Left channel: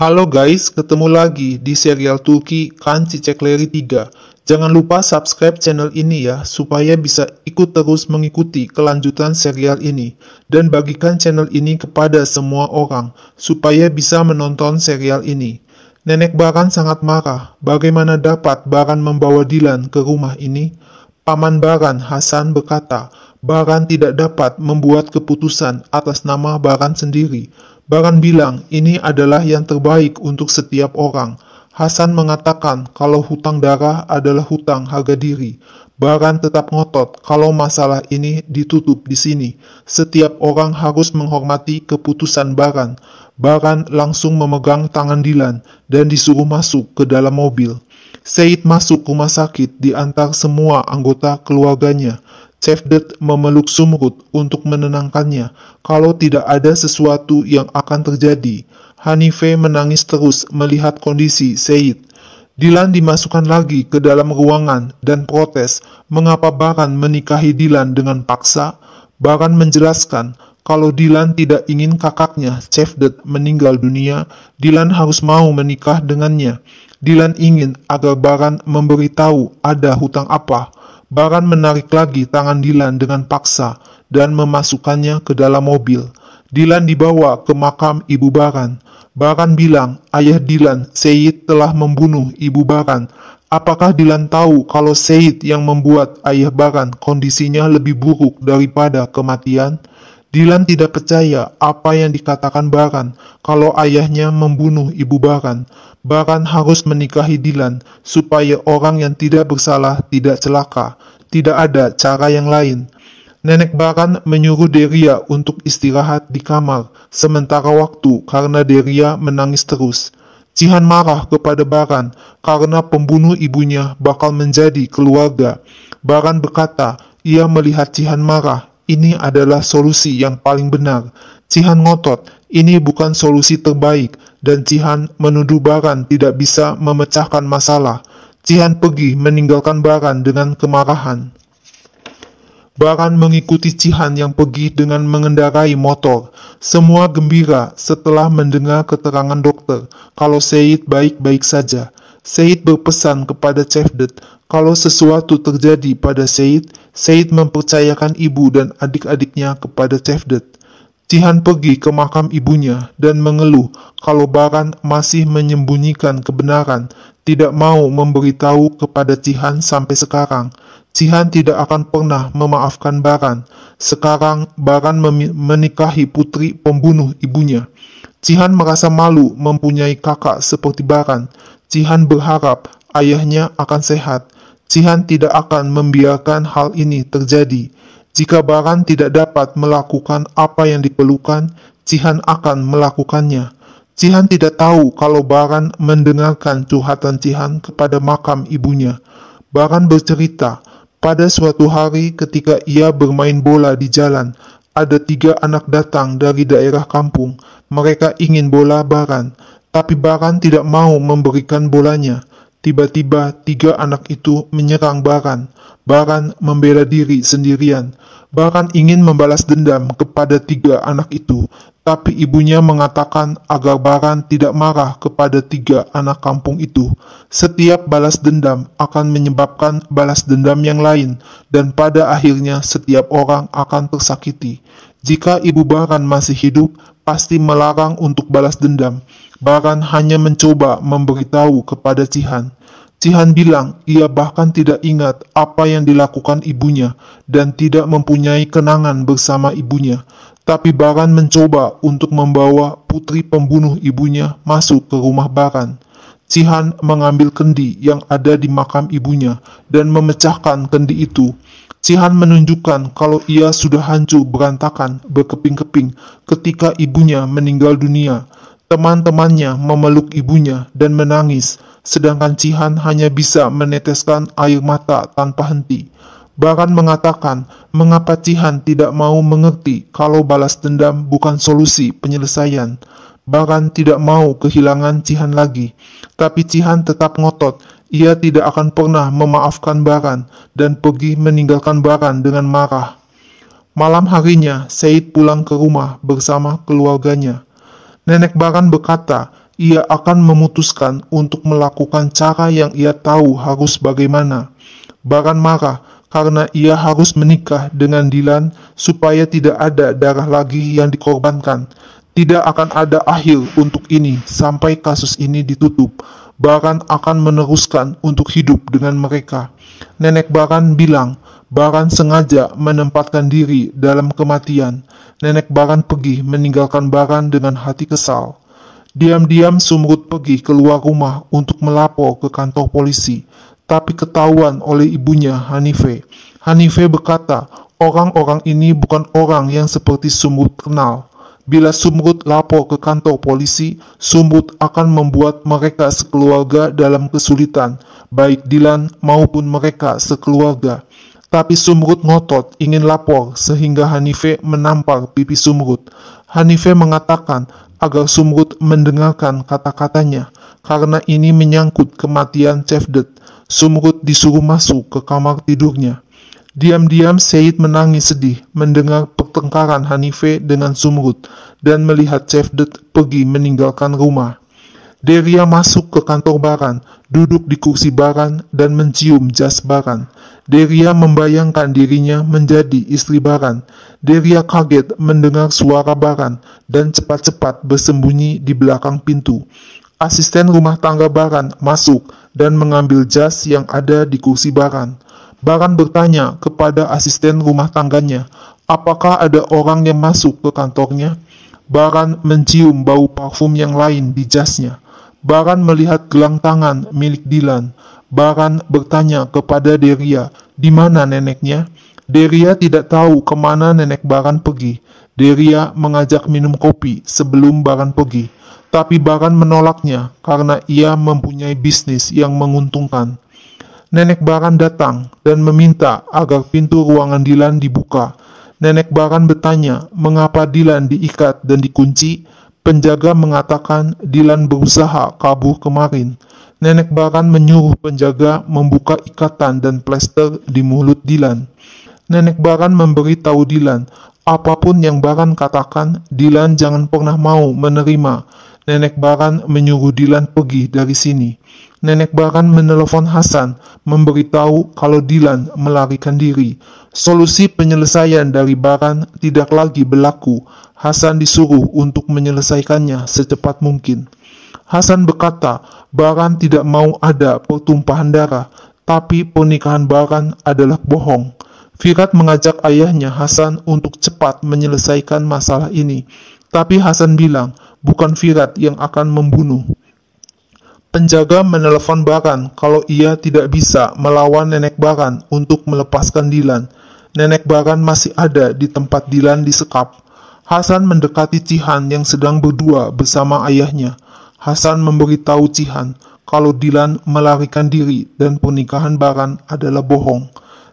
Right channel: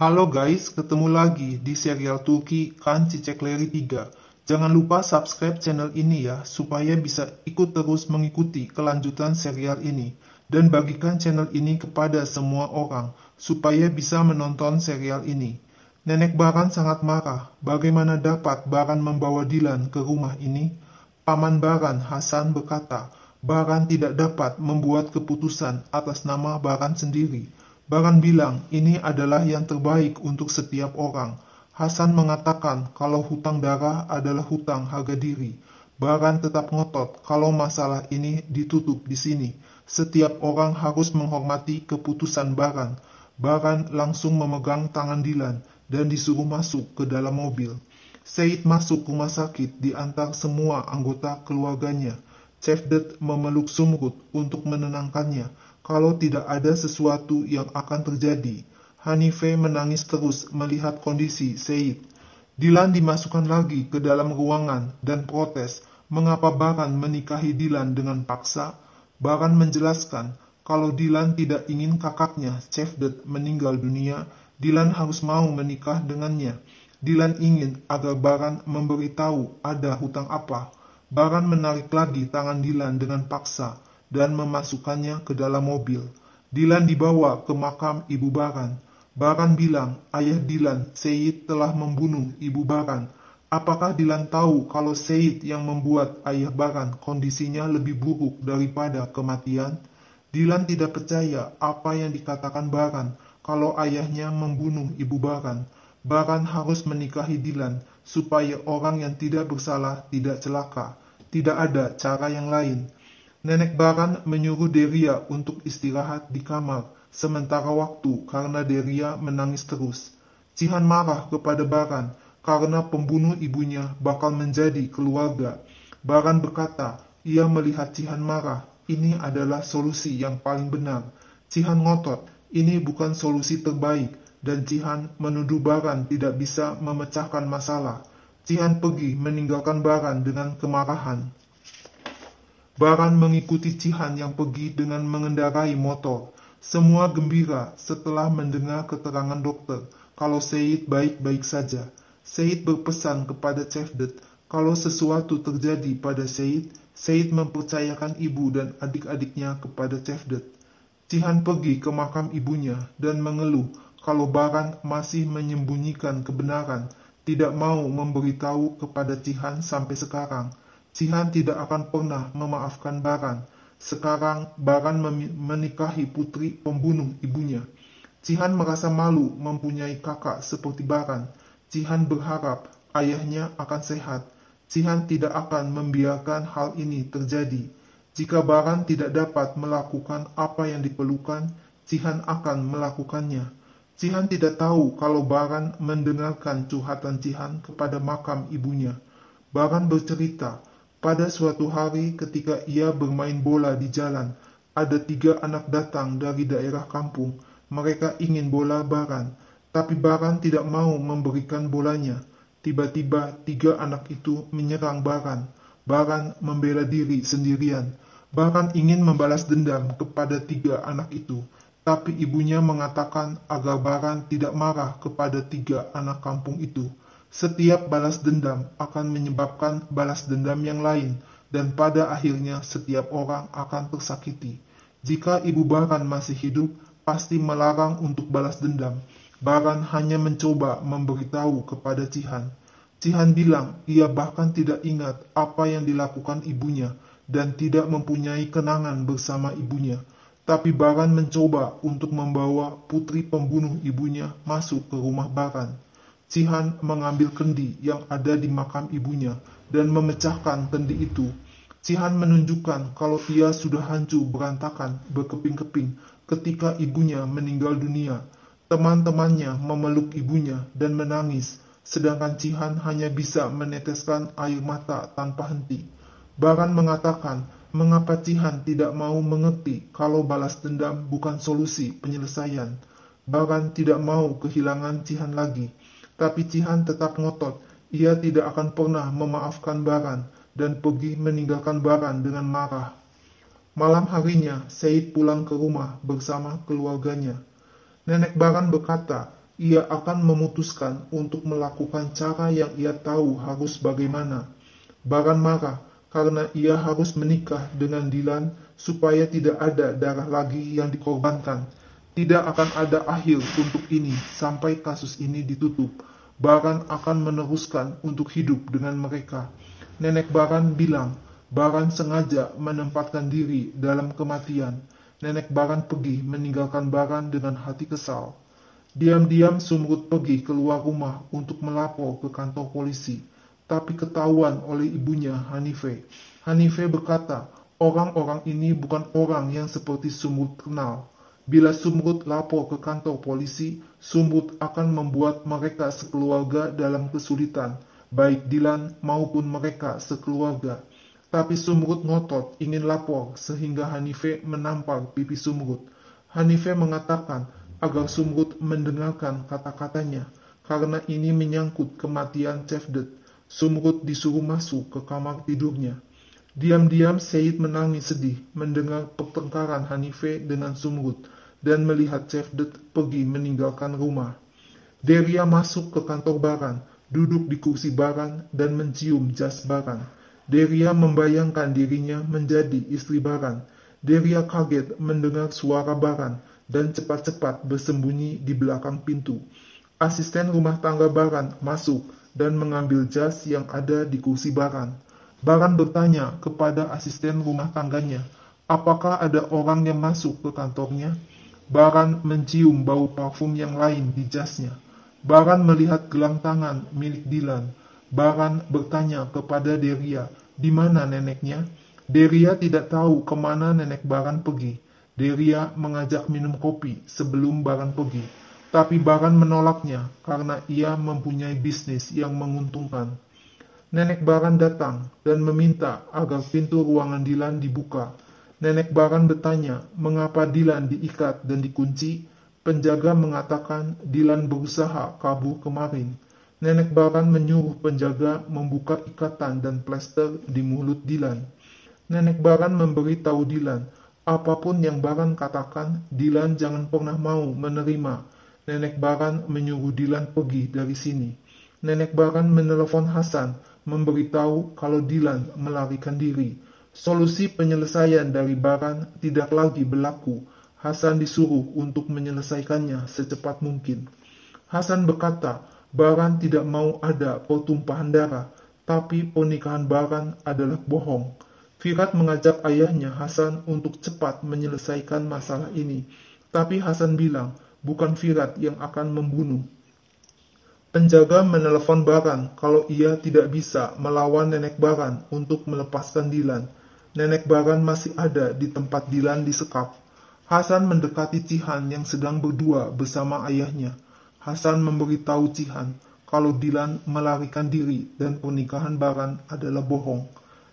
Halo guys, ketemu lagi di serial Turki Kan Çiçekleri 3. Jangan lupa subscribe channel ini ya, supaya bisa ikut terus mengikuti kelanjutan serial ini. Dan bagikan channel ini kepada semua orang, supaya bisa menonton serial ini. Nenek Baran sangat marah, bagaimana dapat Baran membawa Dilan ke rumah ini? Paman Baran, Hasan, berkata, Baran tidak dapat membuat keputusan atas nama Baran sendiri. Baran bilang ini adalah yang terbaik untuk setiap orang. Hasan mengatakan kalau hutang darah adalah hutang harga diri. Baran tetap ngotot kalau masalah ini ditutup di sini. Setiap orang harus menghormati keputusan Baran. Baran langsung memegang tangan Dilan dan disuruh masuk ke dalam mobil. Said masuk rumah sakit di antara semua anggota keluarganya. Cevdet memeluk Sumrud untuk menenangkannya kalau tidak ada sesuatu yang akan terjadi. Hanife menangis terus melihat kondisi Said. Dilan dimasukkan lagi ke dalam ruangan dan protes mengapa Baran menikahi Dilan dengan paksa. Baran menjelaskan kalau Dilan tidak ingin kakaknya Cevdet meninggal dunia, Dilan harus mau menikah dengannya. Dilan ingin agar Baran memberitahu ada hutang apa. Baran menarik lagi tangan Dilan dengan paksa dan memasukkannya ke dalam mobil. Dilan dibawa ke makam ibu Baran. Baran bilang ayah Dilan, Said, telah membunuh ibu Baran. Apakah Dilan tahu kalau Said yang membuat ayah Baran kondisinya lebih buruk daripada kematian? Dilan tidak percaya apa yang dikatakan Baran kalau ayahnya membunuh ibu Baran. Baran harus menikahi Dilan supaya orang yang tidak bersalah tidak celaka. Tidak ada cara yang lain. Nenek Baran menyuruh Deria untuk istirahat di kamar sementara waktu karena Deria menangis terus. Cihan marah kepada Baran karena pembunuh ibunya bakal menjadi keluarga. Baran berkata ia melihat Cihan marah. Ini adalah solusi yang paling benar. Cihan ngotot, ini bukan solusi terbaik, dan Cihan menuduh Baran tidak bisa memecahkan masalah. Cihan pergi meninggalkan Baran dengan kemarahan. Baran mengikuti Cihan yang pergi dengan mengendarai motor. Semua gembira setelah mendengar keterangan dokter kalau Said baik-baik saja. Said berpesan kepada Cevdet kalau sesuatu terjadi pada Said, Said mempercayakan ibu dan adik-adiknya kepada Cevdet. Cihan pergi ke makam ibunya dan mengeluh kalau Baran masih menyembunyikan kebenaran, tidak mau memberitahu kepada Cihan sampai sekarang. Cihan tidak akan pernah memaafkan Baran. Sekarang Baran menikahi putri pembunuh ibunya. Cihan merasa malu mempunyai kakak seperti Baran. Cihan berharap ayahnya akan sehat. Cihan tidak akan membiarkan hal ini terjadi. Jika Baran tidak dapat melakukan apa yang diperlukan, Cihan akan melakukannya. Cihan tidak tahu kalau Baran mendengarkan curhatan Cihan kepada makam ibunya. Baran bercerita, pada suatu hari ketika ia bermain bola di jalan, ada 3 anak datang dari daerah kampung. Mereka ingin bola Baran, tapi Baran tidak mau memberikan bolanya. Tiba-tiba 3 anak itu menyerang Baran. Baran membela diri sendirian. Baran ingin membalas dendam kepada 3 anak itu, tapi ibunya mengatakan agar Baran tidak marah kepada 3 anak kampung itu. Setiap balas dendam akan menyebabkan balas dendam yang lain, dan pada akhirnya setiap orang akan tersakiti. Jika ibu Baran masih hidup, pasti melarang untuk balas dendam. Baran hanya mencoba memberitahu kepada Cihan. Cihan bilang ia bahkan tidak ingat apa yang dilakukan ibunya dan tidak mempunyai kenangan bersama ibunya. Tapi Baran mencoba untuk membawa putri pembunuh ibunya masuk ke rumah Baran. Cihan mengambil kendi yang ada di makam ibunya dan memecahkan kendi itu. Cihan menunjukkan kalau ia sudah hancur berantakan berkeping-keping ketika ibunya meninggal dunia. Teman-temannya memeluk ibunya dan menangis, sedangkan Cihan hanya bisa meneteskan air mata tanpa henti. Baran mengatakan mengapa Cihan tidak mau mengerti kalau balas dendam bukan solusi penyelesaian. Baran tidak mau kehilangan Cihan lagi, tapi Cihan tetap ngotot. Ia tidak akan pernah memaafkan Baran dan pergi meninggalkan Baran dengan marah. Malam harinya, Said pulang ke rumah bersama keluarganya. Nenek Baran berkata, ia akan memutuskan untuk melakukan cara yang ia tahu harus bagaimana. Baran marah karena ia harus menikah dengan Dylan supaya tidak ada darah lagi yang dikorbankan. Tidak akan ada akhir untuk ini sampai kasus ini ditutup. Baran akan meneruskan untuk hidup dengan mereka. Nenek Baran bilang, Baran sengaja menempatkan diri dalam kematian. Nenek Baran pergi meninggalkan Baran dengan hati kesal. Diam-diam Sumrut pergi keluar rumah untuk melapor ke kantor polisi, tapi ketahuan oleh ibunya Hanife. Hanife berkata, orang-orang ini bukan orang yang seperti Sumrut kenal. Bila Sumrut lapor ke kantor polisi, Sumrut akan membuat mereka sekeluarga dalam kesulitan, baik Dylan maupun mereka sekeluarga. Tapi Sumrut ngotot ingin lapor sehingga Hanife menampar pipi Sumrut. Hanife mengatakan agar Sumrut mendengarkan kata-katanya, karena ini menyangkut kematian Cevdet. Sumrut disuruh masuk ke kamar tidurnya. Diam-diam Said menangis sedih mendengar pertengkaran Hanife dengan Sumrut dan melihat Cevdet pergi meninggalkan rumah. Deria masuk ke kantor Baran, duduk di kursi Baran dan mencium jas Baran. Deria membayangkan dirinya menjadi istri Baran. Deria kaget mendengar suara Baran dan cepat-cepat bersembunyi di belakang pintu. Asisten rumah tangga Baran masuk dan mengambil jas yang ada di kursi Baran. Baran bertanya kepada asisten rumah tangganya, apakah ada orang yang masuk ke kantornya? Baran mencium bau parfum yang lain di jasnya. Baran melihat gelang tangan milik Dylan. Baran bertanya kepada Deria, di mana neneknya? Deria tidak tahu kemana nenek Baran pergi. Deria mengajak minum kopi sebelum Baran pergi. Tapi Baran menolaknya karena ia mempunyai bisnis yang menguntungkan. Nenek Baran datang dan meminta agar pintu ruangan Dylan dibuka. Nenek Baran bertanya mengapa Dylan diikat dan dikunci. Penjaga mengatakan Dylan berusaha kabur kemarin. Nenek Baran menyuruh penjaga membuka ikatan dan plester di mulut Dylan. Nenek Baran memberitahu Dylan, apapun yang Baran katakan, Dylan jangan pernah mau menerima. Nenek Baran menyuruh Dylan pergi dari sini. Nenek Baran menelepon Hasan, memberitahu kalau Dylan melarikan diri. Solusi penyelesaian dari Baran tidak lagi berlaku. Hasan disuruh untuk menyelesaikannya secepat mungkin. Hasan berkata, Baran tidak mau ada pertumpahan darah, tapi pernikahan Baran adalah bohong. Firat mengajak ayahnya Hasan untuk cepat menyelesaikan masalah ini, tapi Hasan bilang, bukan Firat yang akan membunuh. Penjaga menelepon Baran kalau ia tidak bisa melawan nenek Baran untuk melepaskan Dylan. Nenek Baran masih ada di tempat Dylan disekap. Hasan mendekati Cihan yang sedang berdua bersama ayahnya. Hasan memberitahu Cihan kalau Dylan melarikan diri dan pernikahan Baran adalah bohong.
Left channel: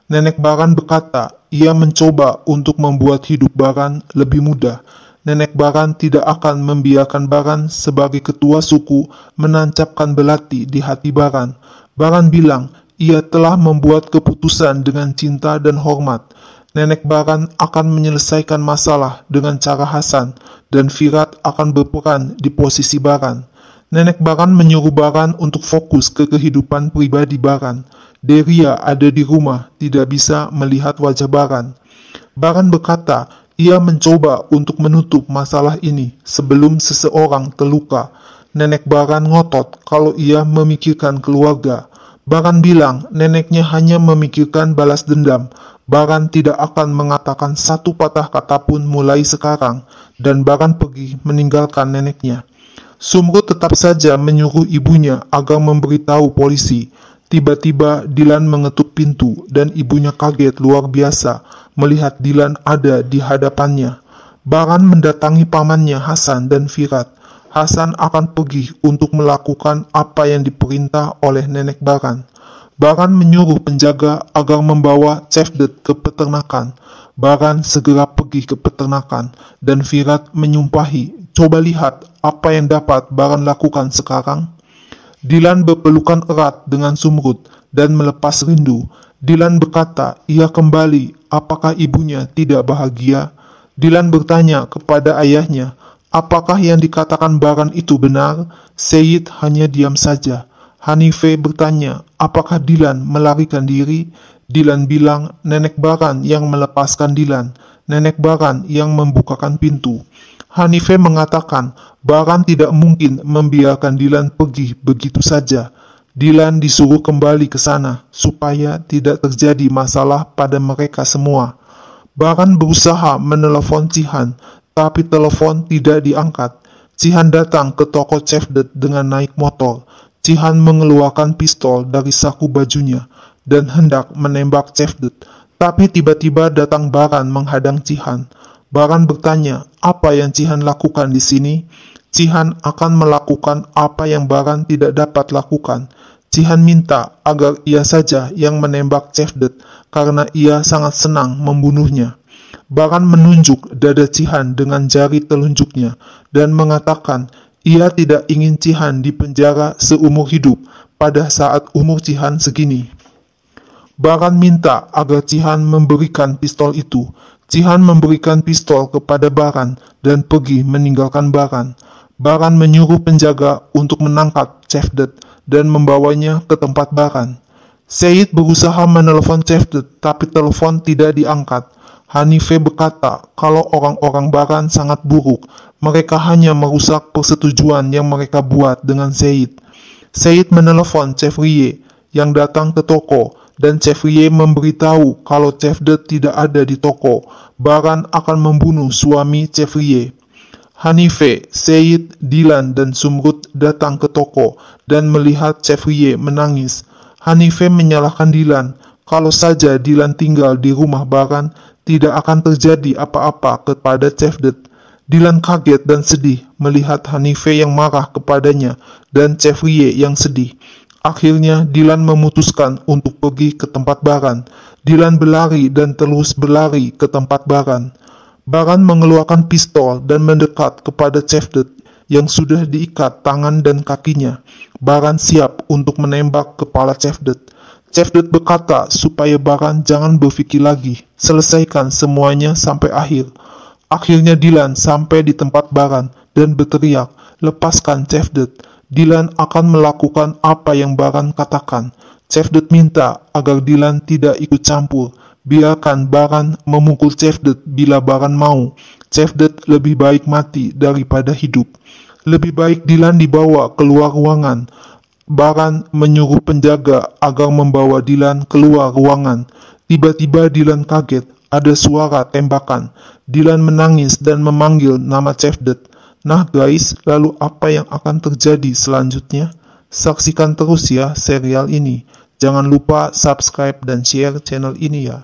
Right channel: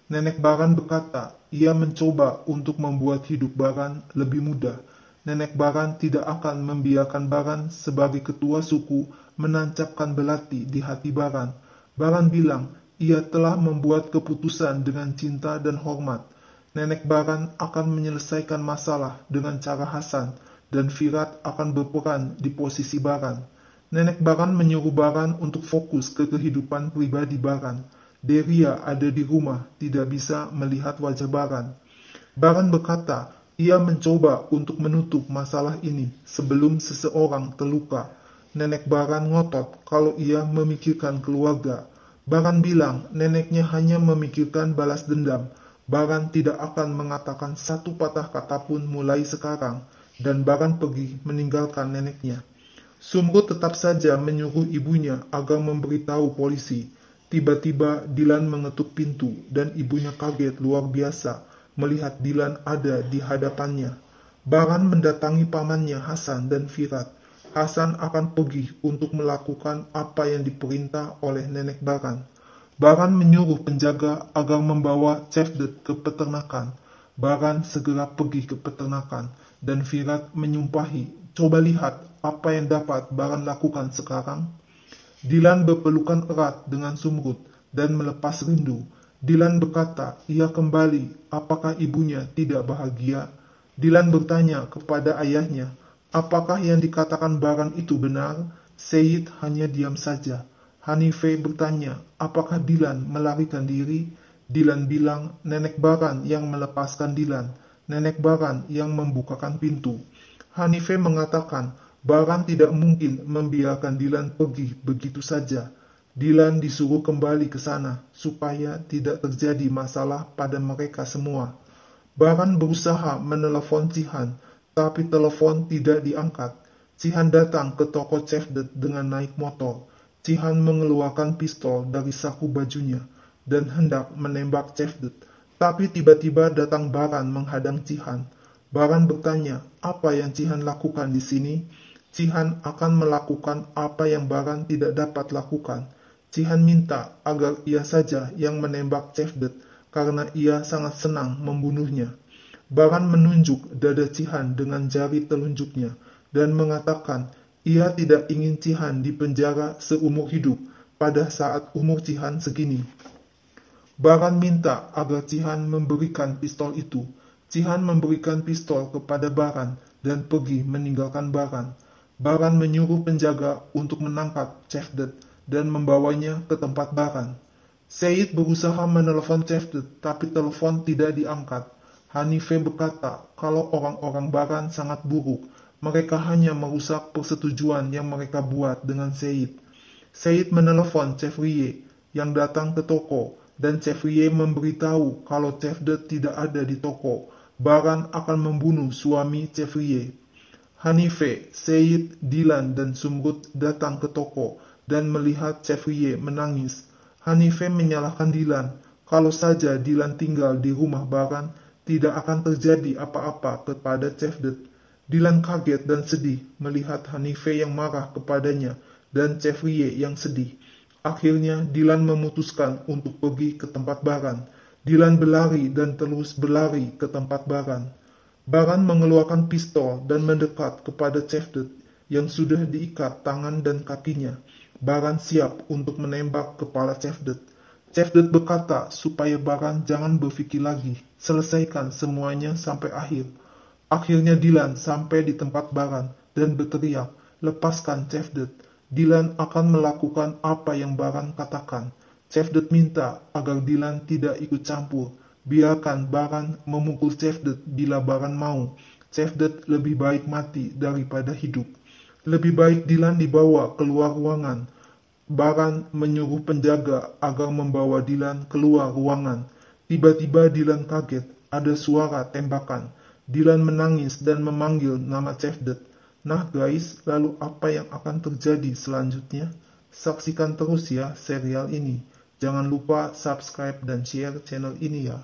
Nenek Baran berkata ia mencoba untuk membuat hidup Baran lebih mudah. Nenek Baran tidak akan membiarkan Baran sebagai ketua suku menancapkan belati di hati Baran. Baran bilang ia telah membuat keputusan dengan cinta dan hormat. Nenek Baran akan menyelesaikan masalah dengan cara Hasan dan Firat akan berperan di posisi Baran. Nenek Baran menyuruh Baran untuk fokus ke kehidupan pribadi Baran. Deria ada di rumah, tidak bisa melihat wajah Baran. Baran berkata, ia mencoba untuk menutup masalah ini sebelum seseorang terluka. Nenek Baran ngotot kalau ia memikirkan keluarga. Baran bilang neneknya hanya memikirkan balas dendam. Baran tidak akan mengatakan satu patah kata pun mulai sekarang, dan Baran pergi meninggalkan neneknya. Sumrut tetap saja menyuruh ibunya agar memberitahu polisi. Tiba-tiba Dylan mengetuk pintu dan ibunya kaget luar biasa melihat Dylan ada di hadapannya. Baran mendatangi pamannya Hasan dan Firat. Hasan akan pergi untuk melakukan apa yang diperintah oleh nenek Baran. Baran menyuruh penjaga agar membawa Cevdet ke peternakan. Baran segera pergi ke peternakan dan Firat menyumpahi, coba lihat apa yang dapat Baran lakukan sekarang. Dylan berpelukan erat dengan Sumrut dan melepas rindu. Dylan berkata, ia kembali, apakah ibunya tidak bahagia? Dylan bertanya kepada ayahnya, apakah yang dikatakan Baran itu benar? Seyit hanya diam saja. Hanife bertanya, apakah Dilan melarikan diri? Dilan bilang, nenek Baran yang melepaskan Dilan. Nenek Baran yang membukakan pintu. Hanife mengatakan, Baran tidak mungkin membiarkan Dilan pergi begitu saja. Dilan disuruh kembali ke sana, supaya tidak terjadi masalah pada mereka semua. Baran berusaha menelepon Cihan, tapi telepon tidak diangkat. Cihan datang ke toko Cevdet dengan naik motor. Cihan mengeluarkan pistol dari saku bajunya dan hendak menembak Cevdet. Tapi tiba-tiba datang Baran menghadang Cihan. Baran bertanya, apa yang Cihan lakukan di sini? Cihan akan melakukan apa yang Baran tidak dapat lakukan. Cihan minta agar ia saja yang menembak Cevdet karena ia sangat senang membunuhnya. Baran menunjuk dada Cihan dengan jari telunjuknya dan mengatakan ia tidak ingin Cihan dipenjara seumur hidup pada saat umur Cihan segini. Baran minta agar Cihan memberikan pistol itu. Cihan memberikan pistol kepada Baran dan pergi meninggalkan Baran. Baran menyuruh penjaga untuk menangkap Cevdet dan membawanya ke tempat Baran. Seyit berusaha menelepon Cevdet, tapi telepon tidak diangkat. Hanife berkata kalau orang-orang Baran sangat buruk, mereka hanya merusak persetujuan yang mereka buat dengan Seyit. Seyit menelepon Chevrier yang datang ke toko, dan Chevrier memberitahu kalau Cevdet tidak ada di toko. Baran akan membunuh suami Chevrier. Hanife, Seyit, Dilan, dan Sumrud datang ke toko dan melihat Chevrier menangis. Hanife menyalahkan Dilan. Kalau saja Dilan tinggal di rumah Baran, tidak akan terjadi apa-apa kepada Cevdet. Dilan kaget dan sedih melihat Hanife yang marah kepadanya dan Chevrier yang sedih. Akhirnya Dilan memutuskan untuk pergi ke tempat Baran. Dilan berlari dan terus berlari ke tempat Baran. Baran mengeluarkan pistol dan mendekat kepada Cevdet yang sudah diikat tangan dan kakinya. Baran siap untuk menembak kepala Cevdet. Cevdet berkata supaya Baran jangan berpikir lagi, selesaikan semuanya sampai akhir. Akhirnya Dilan sampai di tempat Baran dan berteriak, lepaskan Cevdet. Dilan akan melakukan apa yang Baran katakan. Cevdet minta agar Dilan tidak ikut campur. Biarkan Baran memukul Cevdet bila Baran mau. Cevdet lebih baik mati daripada hidup. Lebih baik Dilan dibawa keluar ruangan. Baran menyuruh penjaga agar membawa Dilan keluar ruangan. Tiba-tiba Dilan kaget, ada suara tembakan. Dilan menangis dan memanggil nama Cevdet. Nah guys, lalu apa yang akan terjadi selanjutnya? Saksikan terus ya serial ini. Jangan lupa subscribe dan share channel ini ya.